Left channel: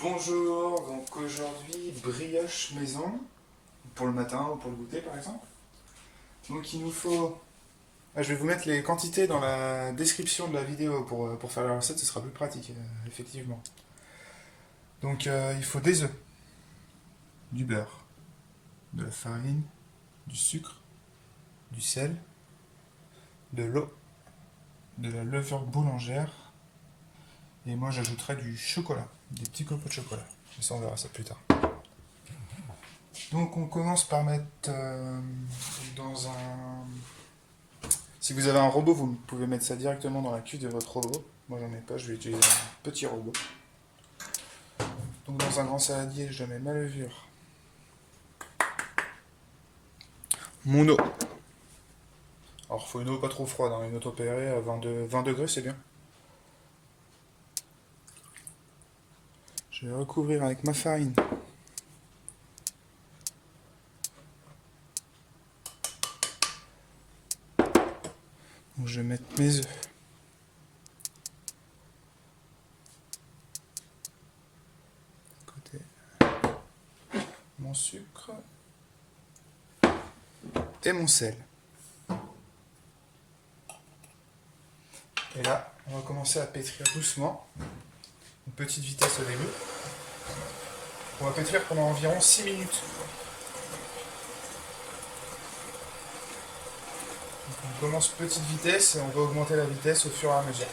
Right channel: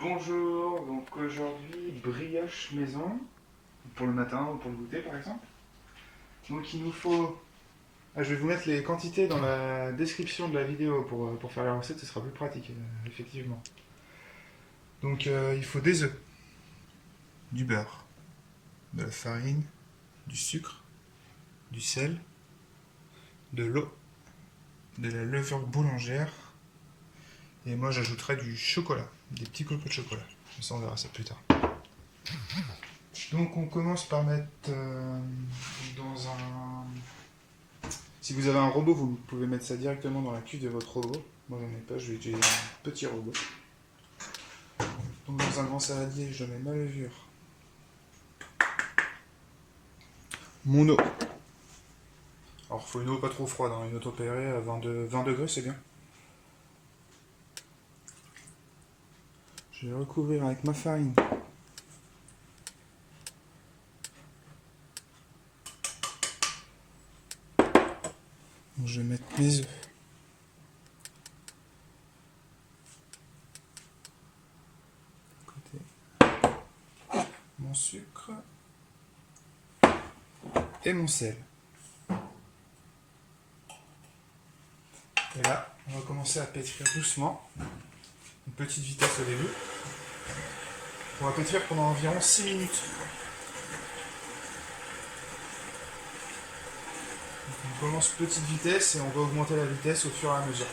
Bonjour, donc aujourd'hui brioche maison, pour le matin ou pour le goûter par exemple. Donc il nous faut... je vais vous mettre les quantités dans la description de la vidéo pour faire la recette, ce sera plus pratique, effectivement. Donc il faut des œufs, du beurre, de la farine, du sucre, du sel, de l'eau, de la levure boulangère, et moi j'ajouterai du chocolat, des petits copeaux de chocolat. Mais ça on verra ça plus tard. Donc on commence par mettre dans un... Si vous avez un robot, vous pouvez mettre ça directement dans la cuve de votre robot. Moi j'en ai pas, je vais utiliser un petit robot. Donc dans un grand saladier, je mets ma levure, mon eau. Alors il faut une eau pas trop froide, hein, une eau tempérée à 20 degrés c'est bien. Je vais recouvrir avec ma farine. Donc je vais mettre mes œufs. Côté mon sucre et mon sel. Et là, on va commencer à pétrir doucement, une petite vitesse au début. On va pétrir pendant environ 6 minutes. Donc on commence petite vitesse et on va augmenter la vitesse au fur et à mesure.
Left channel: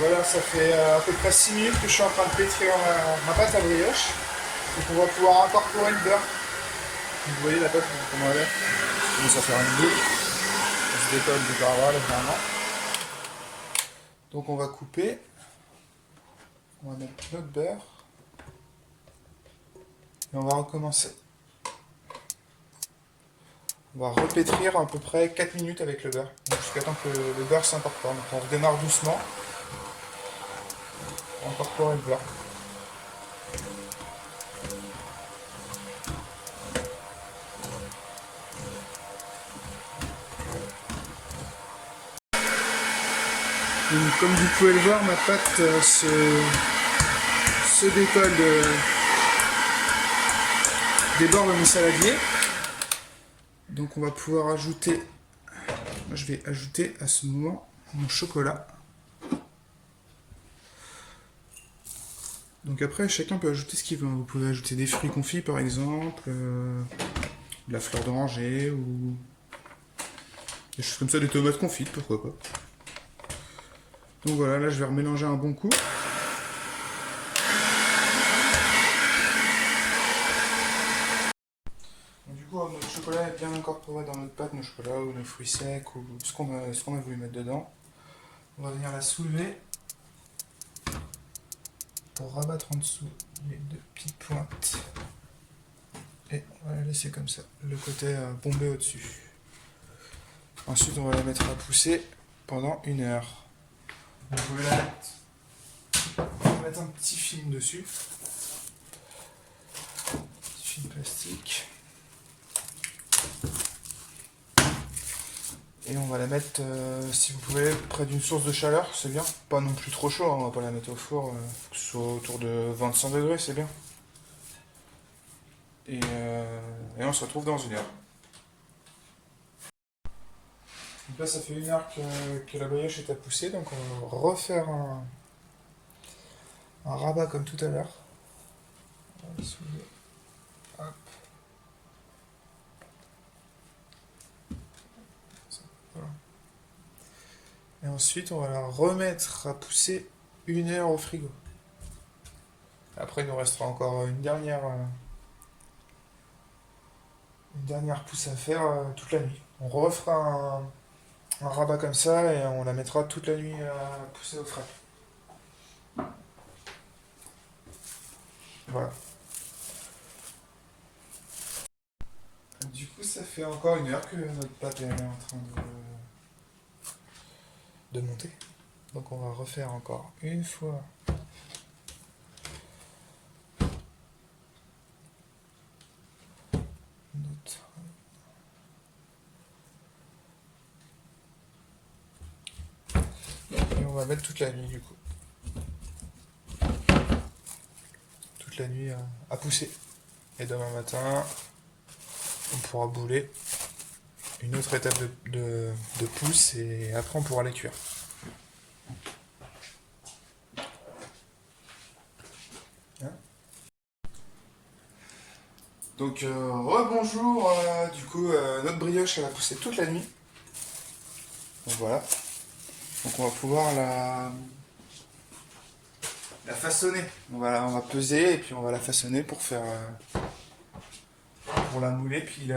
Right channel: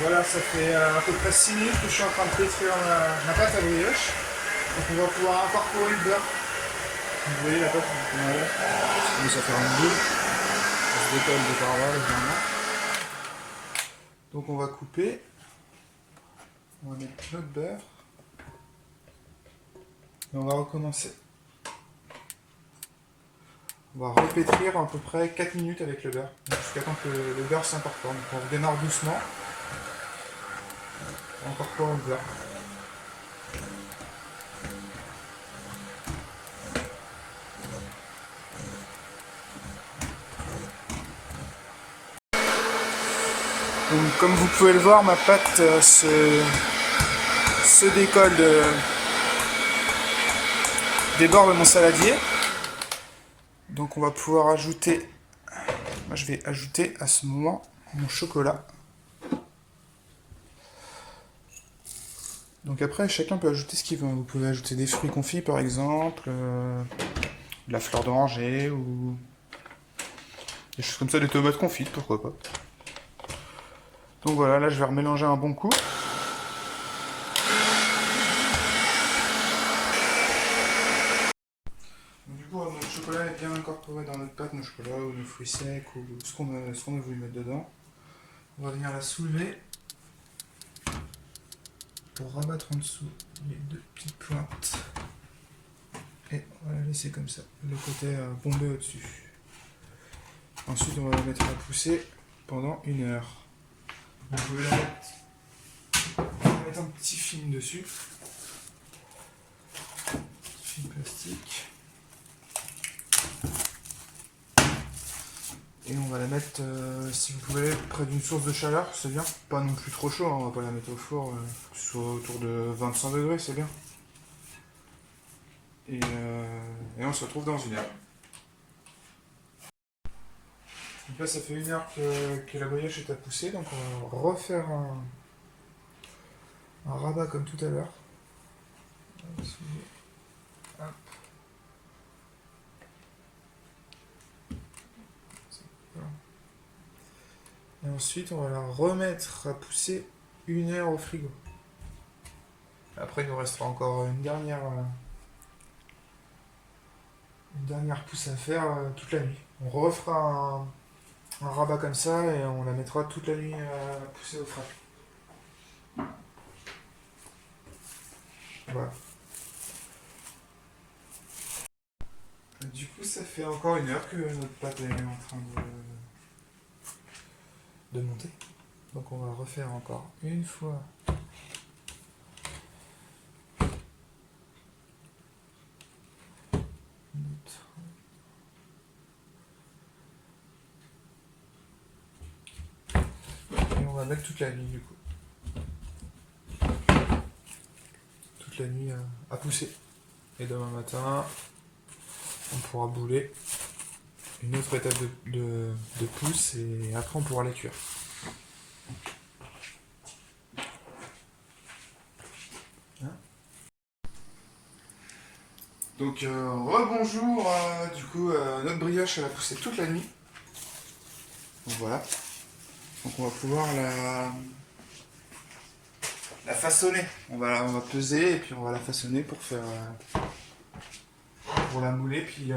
Voilà, ça fait à peu près 6 minutes que je suis en train de pétrir ma pâte à brioche. Donc on va pouvoir incorporer le beurre. Vous voyez la pâte, voilà. Ça fait un bout. Ça se décolle de par là, légèrement. Donc on va couper. On va mettre notre beurre. Et on va recommencer. On va repétrir à peu près 4 minutes avec le beurre. Jusqu'à temps que le beurre s'incorpore. Donc on redémarre doucement. On incorpore le beurre. Donc, comme vous pouvez le voir, ma pâte se décolle des bords de mon saladier. Donc on va pouvoir ajouter, moi je vais ajouter à ce moment mon chocolat. Donc après chacun peut ajouter ce qu'il veut. Vous pouvez ajouter des fruits confits par exemple, de la fleur d'oranger ou des choses comme ça, des tomates confites, pourquoi pas. Donc voilà, là je vais remélanger un bon coup. Donc, du coup, notre chocolat est bien incorporé dans notre pâte, nos chocolats ou nos fruits secs ou ce qu'on a voulu mettre dedans. On va venir la soulever pour rabattre en dessous les deux petites pointes. Et on va la laisser comme ça, le côté bombé au-dessus. Ensuite, on va la mettre à pousser pendant 1 heure. Vous pouvez la mettre un petit film dessus. Petit film plastique. Et on va la mettre, si vous pouvez, près d'une source de chaleur, c'est bien. Pas non plus trop chaud, hein, on va pas la mettre au four, soit autour de 25 degrés, c'est bien. Et on se retrouve dans 1 heure. Donc là, ça fait 1 heure que la brioche est à pousser, donc on va refaire un rabat comme tout à l'heure. Et ensuite, on va la remettre à pousser 1 heure au frigo. Après, il nous restera encore une dernière pousse à faire toute la nuit. On refera un rabat comme ça et on la mettra toute la nuit à pousser au frais. Voilà. Du coup, ça fait encore 1 heure que notre pâte est en train de monter. Donc on va refaire encore une fois notre va mettre toute la nuit du coup. Toute la nuit à pousser. Et demain matin, on pourra bouler une autre étape de pousse et après on pourra les cuire. Hein, donc rebonjour, du coup notre brioche elle a poussé toute la nuit. Donc voilà. Donc on va pouvoir la façonner. On va peser et puis on va la façonner pour faire pour la mouler puis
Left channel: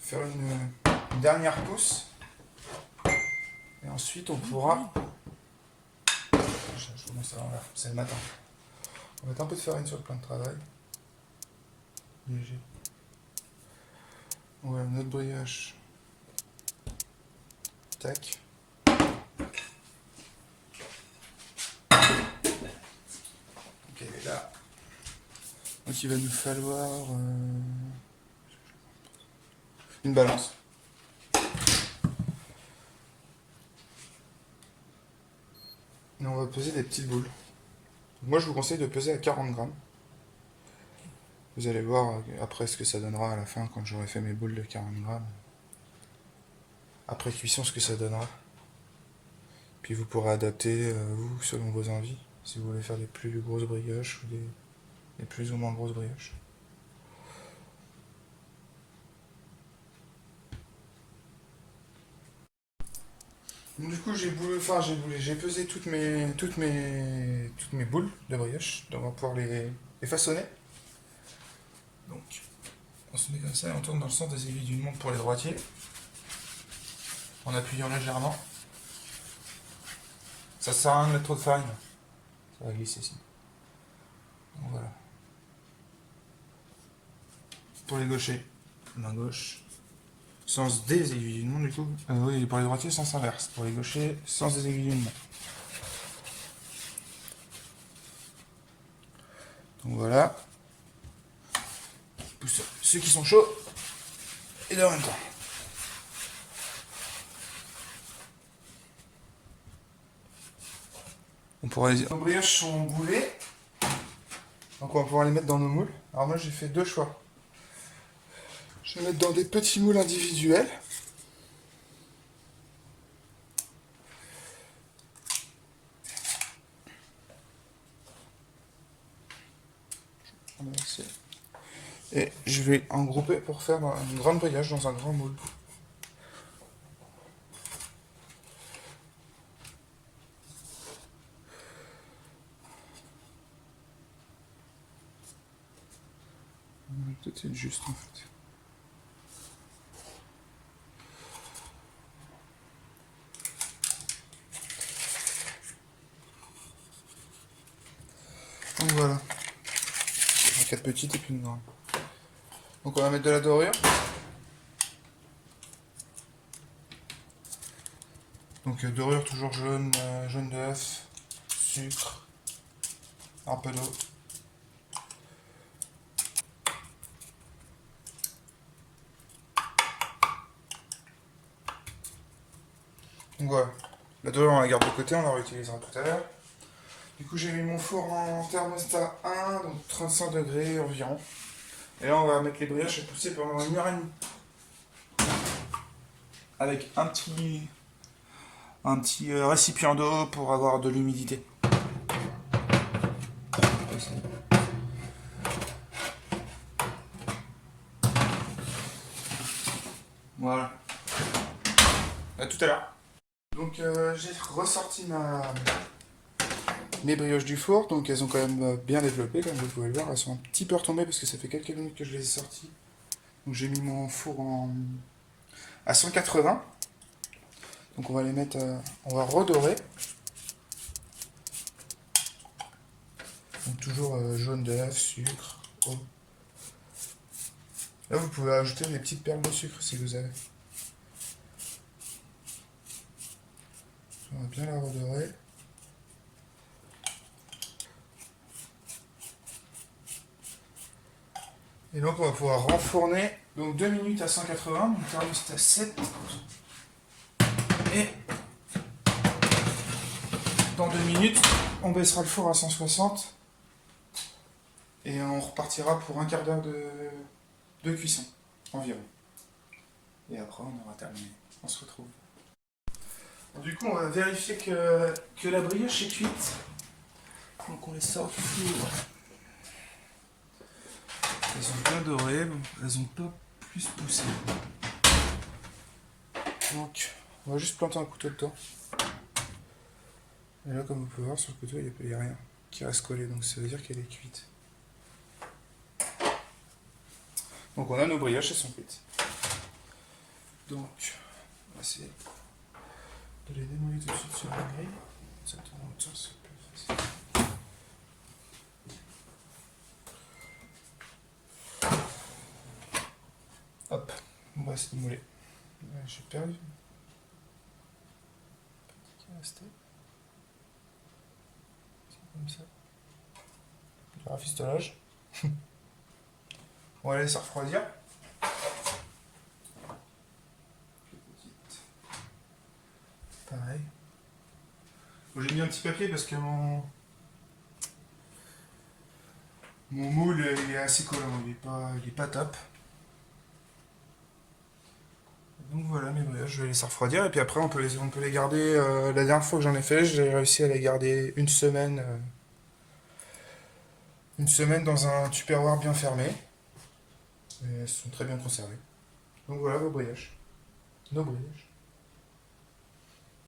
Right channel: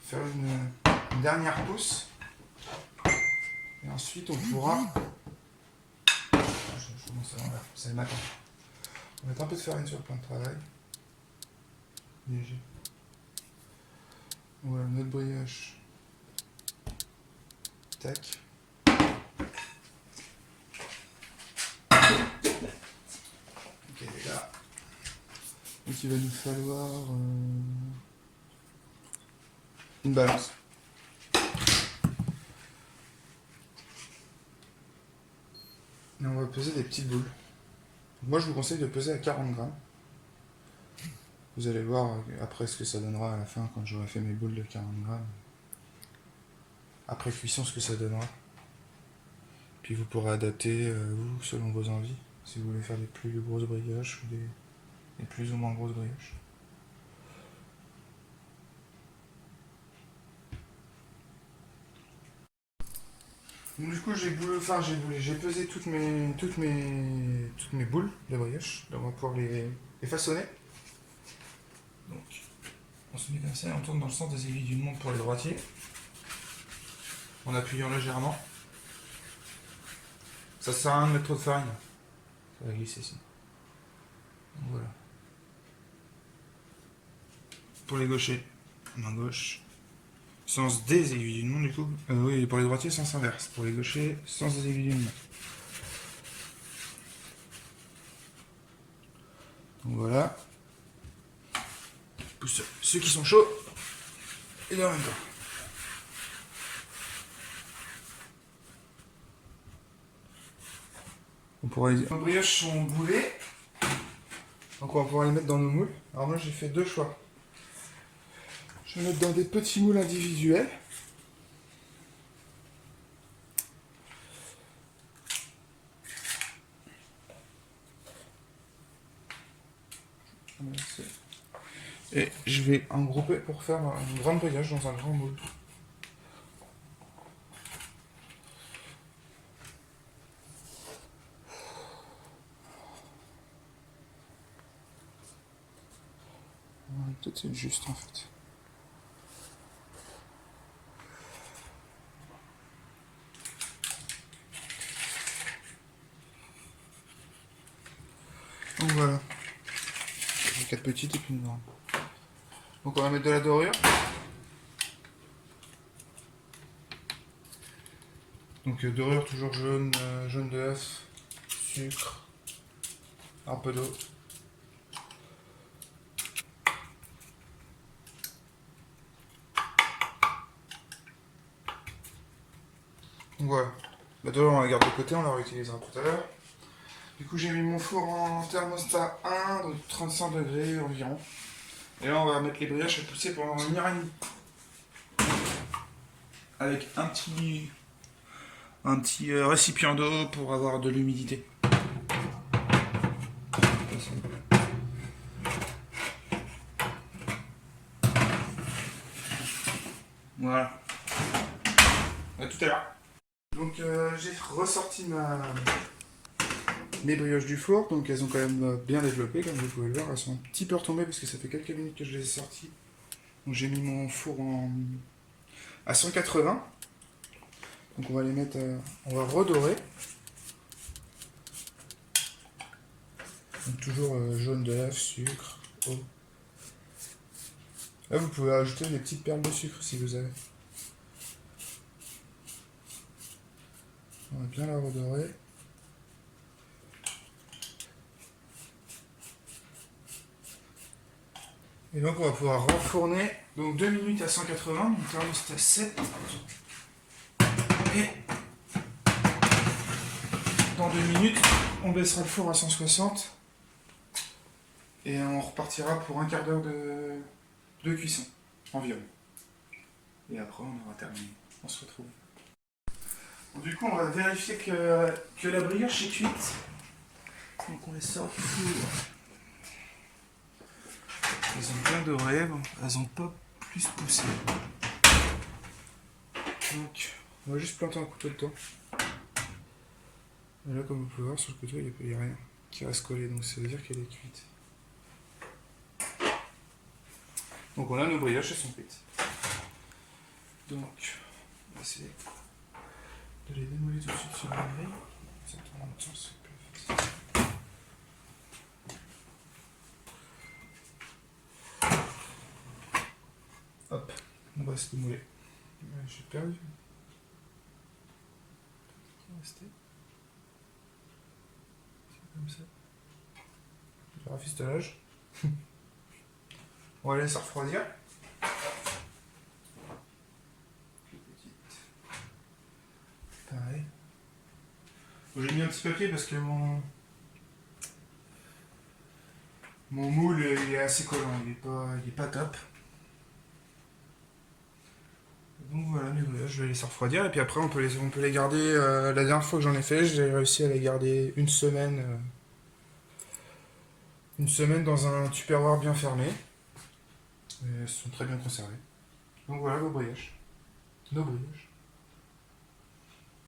faire une dernière pousse. Et ensuite on pourra. Je commence avant là, c'est le matin. On va mettre un peu de farine sur le plan de travail. Léger. Voilà notre brioche. Tac. Ok, là. Donc il va nous falloir une balance. Et on va peser des petites boules. Moi je vous conseille de peser à 40 grammes. Vous allez voir après ce que ça donnera à la fin quand j'aurai fait mes boules de 40 grammes. Après cuisson ce que ça donnera. Puis vous pourrez adapter vous selon vos envies. Si vous voulez faire des plus grosses brioches ou des plus ou moins grosses brioches. Donc, du coup j'ai pesé toutes mes boules de brioche. Donc on va pouvoir les façonner. Donc on se met comme ça et on tourne dans le sens des aiguilles d'une montre pour les droitiers. En appuyant légèrement. Ça sert à rien de mettre trop de farine. Ça va glisser ici. Donc voilà. Pour les gauchers, main gauche. Sens des aiguilles d'une montre du coup. Oui, pour les droitiers, sens inverse. Pour les gauchers, sens des aiguilles d'une montre. Donc voilà. Pousse ceux qui sont chauds. Et de en même temps. Les brioches sont boulées. Donc on va pouvoir les mettre dans nos moules. Alors moi j'ai fait deux choix. Je vais mettre dans des petits moules individuels. Et je vais en grouper pour faire une grande brioche dans un grand moule. Peut-être c'est juste en fait. Donc voilà. 4 petites et puis une grande. Donc on va mettre de la dorure. Donc dorure toujours jaune, jaune d'œuf, sucre, un peu d'eau. Donc voilà, la dorure on la garde de côté, on la réutilisera tout à l'heure. Du coup j'ai mis mon four en thermostat 1, donc 35 degrés environ. Et là on va mettre les brioches à pousser pendant 1h30. Avec un petit récipient d'eau pour avoir de l'humidité. Voilà. À tout à l'heure. Donc j'ai ressorti mes brioches du four, donc elles ont quand même bien développé, comme vous pouvez le voir. Elles sont un petit peu retombées parce que ça fait quelques minutes que je les ai sorties. Donc j'ai mis mon four à 180. Donc on va les mettre, on va redorer. Donc toujours jaune d'œuf, sucre, eau. Là vous pouvez ajouter des petites perles de sucre si vous avez. On va bien la redorer. Et donc on va pouvoir renfourner donc 2 minutes à 180, donc thermostat 7. Et minutes, on baissera le four à 160 et on repartira pour un quart d'heure de cuisson environ. Et après on aura terminé. On se retrouve. Bon, du coup on va vérifier que la brioche est cuite. Donc on les sort du four. Elles ont bien doré, bon, elles n'ont pas plus poussé. Donc on va juste planter un couteau dedans. Et là, comme vous pouvez voir sur le couteau, il n'y a rien qui reste collé, donc ça veut dire qu'elle est cuite. Donc on a nos brioches, elles sont cuites. Donc on va essayer de les démouler tout de suite sur la grille. Ça tourne en même temps, c'est plus facile. Hop, on va se démouler. J'ai perdu. Qui est resté. Comme ça. Du rafistolage. On va laisser refroidir. Pareil. J'ai mis un petit papier parce que mon moule est assez collant, il est pas top. Donc voilà mes brioches, je vais les laisser refroidir et puis après on peut les garder. La dernière fois que j'en ai fait, j'ai réussi à les garder une semaine dans un tupperware bien fermé. Et elles sont très bien conservées. Donc voilà vos brioches. Nos brioches.